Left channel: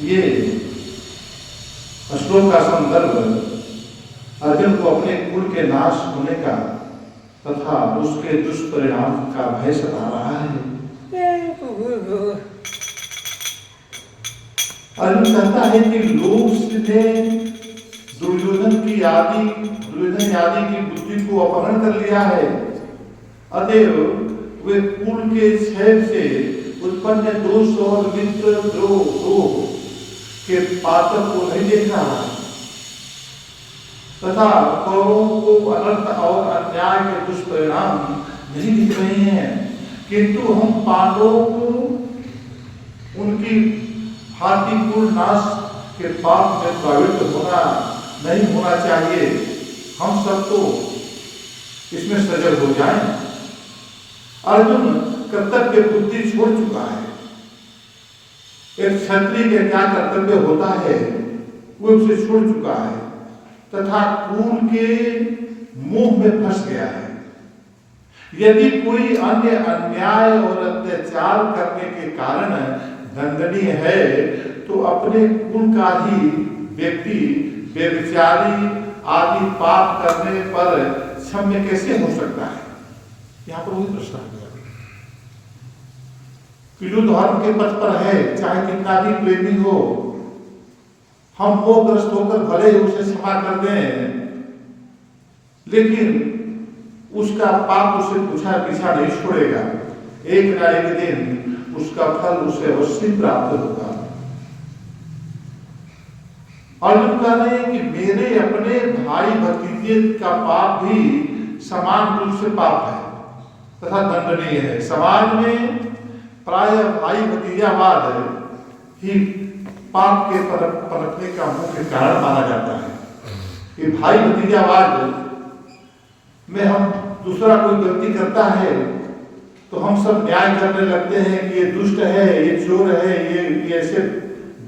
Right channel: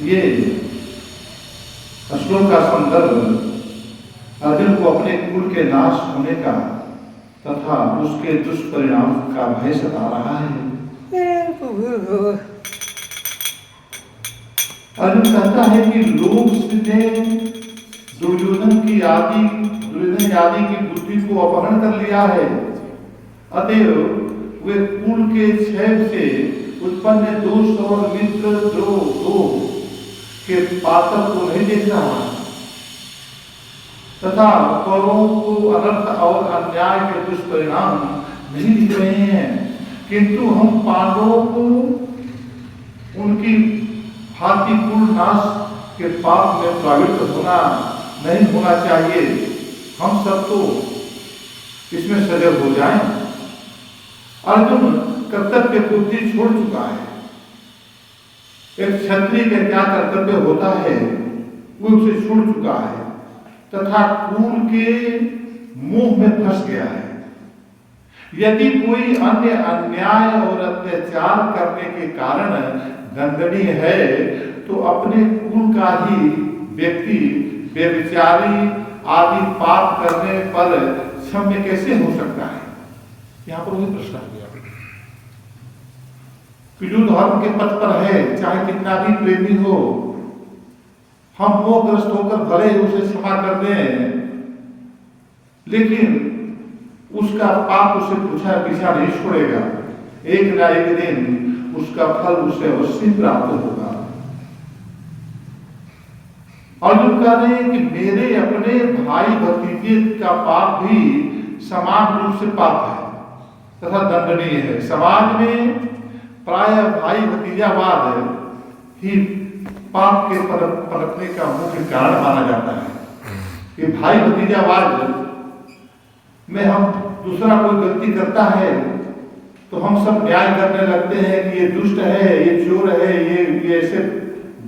ये श्लोक का संदर्भ अर्जुन को अपने कुल के नाश होने का तथा उसके दुष्परिणाम का भय सता रहा है। अर्जुन कहता है कि लोग ने दुर्योधन आदि की बुद्धि को अपहरण कर लिया है, अतएव वे कुल के क्षय से उत्पन्न दोष और मित्र द्रोह के पातक को नहीं देख रहा तथा कौरवों को अनर्थ और अन्याय के दुष्परिणाम नहीं दिख रहे हैं, किंतु हम पांडवों को उनकी भांति कुल नाश के पाप में प्रवृत्त नहीं होना चाहिए। हम सब तो इसमें सजग हो जाएं। अर्जुन कर्तव्य बुद्धि छोड़ चुका है। एक क्षत्रिय का क्या कर्तव्य होता है वो उसे छोड़ चुका है तथा कुल के मोह में फंस गया है। यदि कोई अन्य अन्याय और अत्याचार करने के कारण दंडनीय है तो अपने कुल का ही व्यक्ति व्यभिचारी आदि पाप करने पर क्षम्य कैसे हो सकता है? यहां पर वही प्रश्न आ गया कि जो धर्म के पथ पर है, चाहे कितना भी प्रेमी हो, हम मोहग्रस्त होकर भले ही उसे क्षमा कर दें, लेकिन उसका पाप उसे पूछा पीछा नहीं छोड़ेगा। एक ना एक दिन उसका फल उसे अवश्य प्राप्त होगा। अर्जुन कह रहे हैं कि मेरे अपने भाई भतीजे का पाप भी समान रूप से पाप है तथा दंडनीय है। समाज में प्राय भाई भतीजावाद ही पाप के पनपने का मुख्य कारण माना जाता है कि भाई भतीजावाद में हम दूसरा कोई गलती करता है तो हम सब न्याय करने लगते हैं कि ये दुष्ट है, ये चोर है, ये ऐसे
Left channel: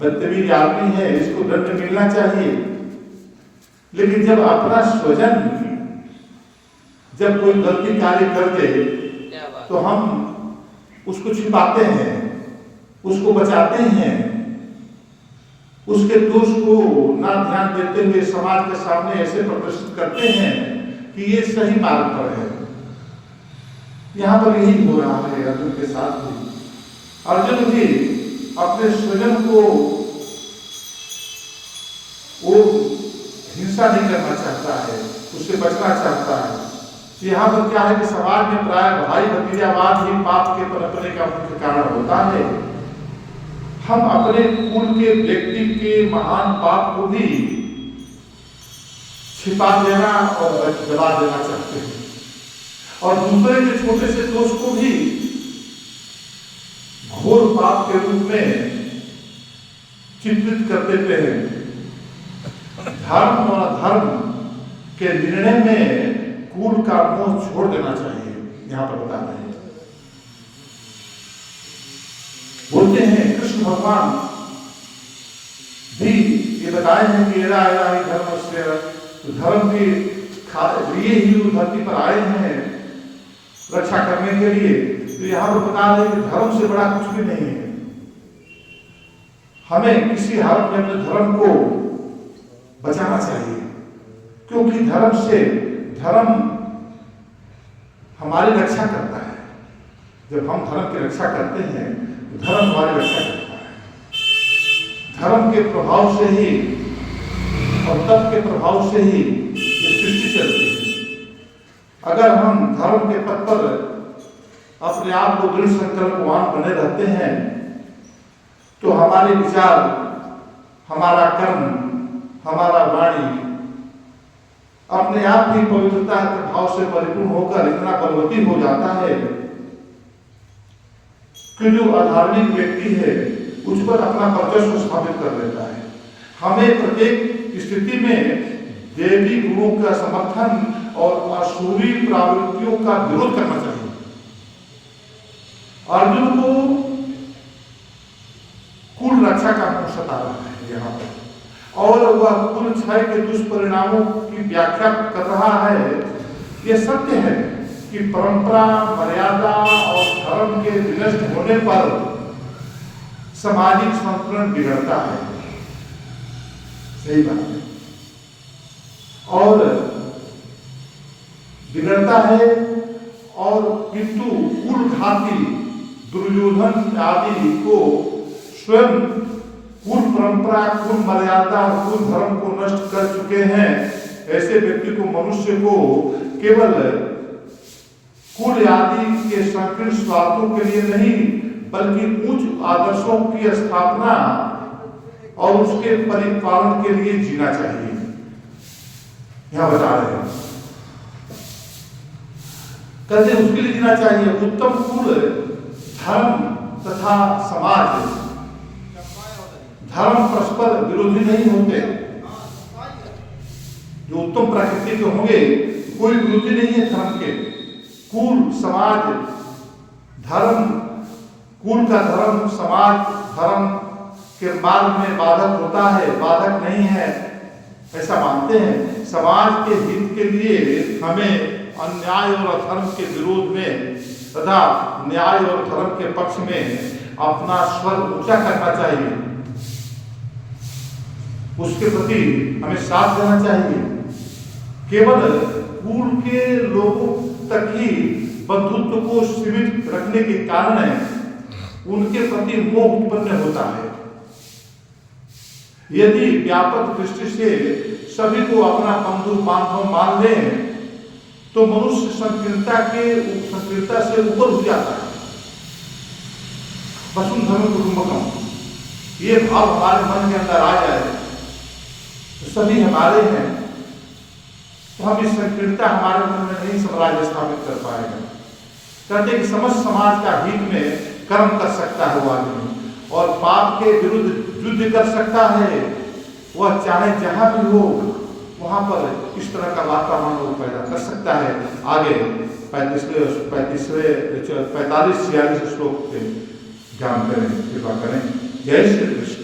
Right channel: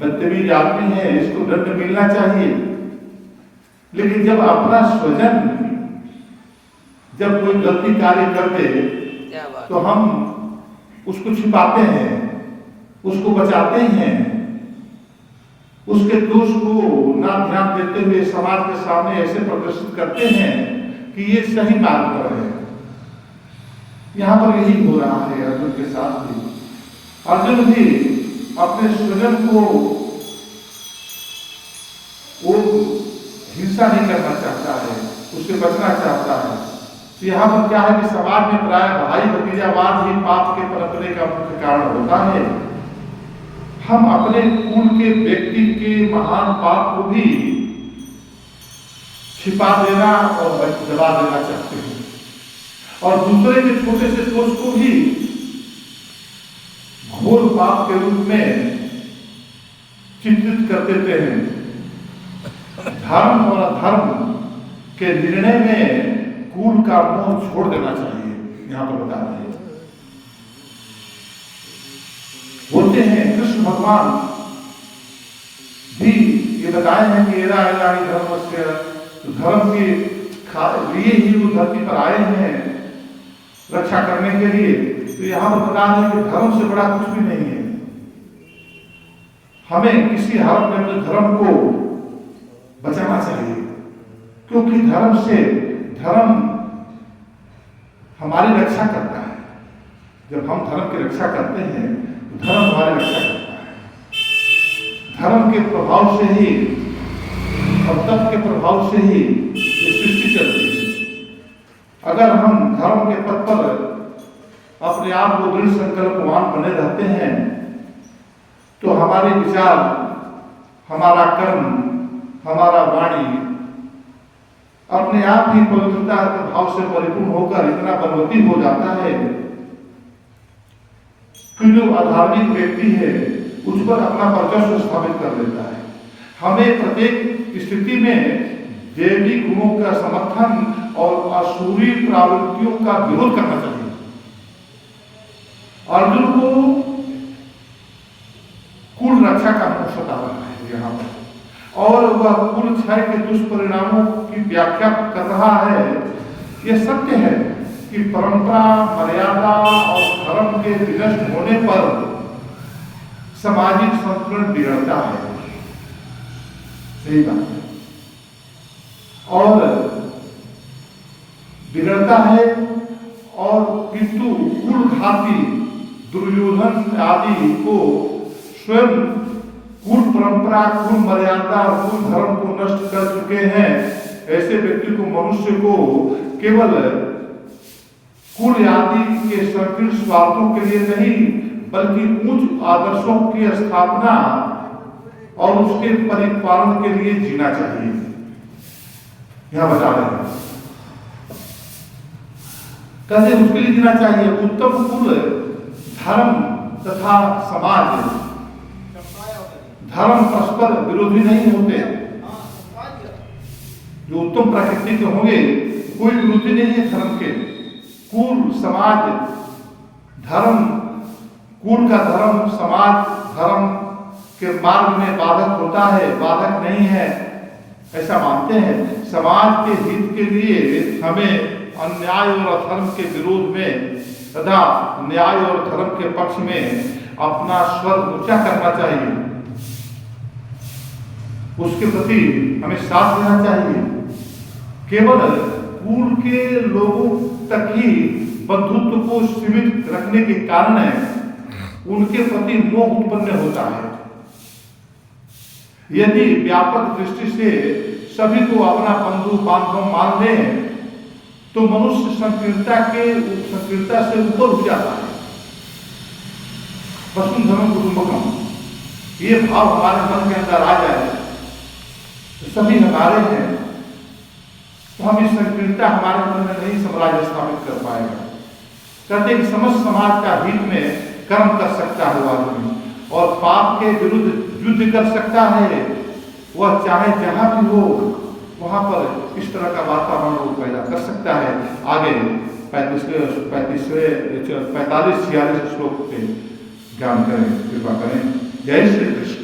बदतमीज आदमी है, इसको दंड मिलना चाहिए। लेकिन जब अपना स्वजन जब कोई गलती कार्य कर दे तो हम उसको छिपाते हैं, उसको बचाते हैं, उसके दोष को ना ध्यान देते हुए समाज के सामने ऐसे प्रदर्शित करते हैं कि ये सही मार्ग पर है। यहाँ पर यही हो रहा है अर्जुन के साथ भी। अर्जुन भी अपने स्वजन को वो हिंसा नहीं करना चाहता है, उससे बचना चाहता है। तो यहाँ पर क्या है कि समाज में प्राय भाई भतीजावाद ही पाप के पनपने का मुख्य कारण होता है। हम अपने कुल के व्यक्ति के महान पाप को भी छिपा देना और दबा देना चाहते हैं और दूसरे के छोटे से दोष को भी घोर पाप के रूप में चित्रित कर देते हैं। धर्म और अधर्म के निर्णय में कुल का मोह छोड़ देना चाहिए। यहां पर बता रहे हैं, बोलते हैं कृष्ण भगवान भी ये बताए हैं कि एरा एरा ही धर्म से, तो धर्म के लिए ही वो धरती पर आए हैं रक्षा करने के लिए। तो यहां पर बता रहे हैं कि धर्म से बड़ा कुछ भी नहीं है। हमें किसी हालत में अपने धर्म को बचाना चाहिए, क्योंकि धर्म हमारी रक्षा करता है। जब हम धर्म की रक्षा करते हैं, धर्म हमारी रक्षा करता है। धर्म के प्रभाव से ही और तप के प्रभाव से ही ये सृष्टि चलती है। अगर हम धर्म के पथ पर अपने आप को दृढ़ संकल्पवान बने रहते हैं तो हमारे विचार, हमारा कर्म, हमारा वाणी अपने आप ही पवित्रता के भाव से परिपूर्ण होकर इतना बलवती हो जाता है कि जो अधार्मिक व्यक्ति है उस पर अपना वर्चस्व स्थापित कर देता है। हमें प्रत्येक स्थिति में देवी गुणों का समर्थन और असुरी प्रवृत्तियों का विरोध करना चाहिए। अर्जुन को कुल रक्षा का मोह सता रहा है यहाँ पर, और वह कुल क्षय के दुष्परिणामों की व्याख्या कर रहा है। यह सत्य है कि परंपरा, मर्यादा और धर्म के विनष्ट होने पर सामाजिक संतुलन बिगड़ता है। सही बात है। और बिगड़ता है, और किंतु कुलघाती दुर्योधन आदि को स्वयं कुल परंपरा, कुल मर्यादा और कुल धर्म को नष्ट कर चुके हैं। ऐसे व्यक्ति को, मनुष्य को केवल कुल आदि के संकीर्ण स्वार्थों के लिए नहीं, बल्कि उच्च आदर्शों की स्थापना और उसके परिपालन के लिए जीना चाहिए। यहां बता रहे हैं, कहते उसके लिए जीना चाहिए। उत्तम कुल, धर्म तथा समाज, धर्म परस्पर विरोधी नहीं होते। जो उत्तम प्रकृति के होंगे, कोई विरोधी नहीं है धर्म के। कुल, समाज, धर्म, कुल का धर्म, समाज धर्म के मार्ग में बाधक होता है, बाधक नहीं है, ऐसा मानते हैं। समाज के हित के लिए हमें अन्याय और अधर्म के विरोध में तथा न्याय और धर्म के पक्ष में अपना स्वर ऊंचा करना चाहिए। उसके प्रति हमें साथ देना चाहिए। केवल कुल के लोगों तक ही बंधुत्व को सीमित रखने के कारण उनके प्रति मोह उत्पन्न होता है। यदि व्यापक दृष्टि से सभी को अपना बंधु बांधव मान लें तो मनुष्य संकीर्णता से ऊपर उठ जाता है। वसुंधरम कुटुंबकम, ये भाव हमारे मन के अंदर आ जाए तो सभी हमारे हैं, तो हम इस संकीर्णता हमारे मन में नहीं साम्राज्य स्थापित कर पाएगा। कहते हैं कि समस्त समाज का हित में कर्म कर सकता है वो आदमी, और पाप के विरुद्ध युद्ध कर सकता है। वह चाहे जहां भी हो वहां पर इस तरह का वातावरण वो पैदा कर सकता है। आगे 45-46 श्लोक से ज्ञान करें, कृपा करें। जय श्री कृष्ण।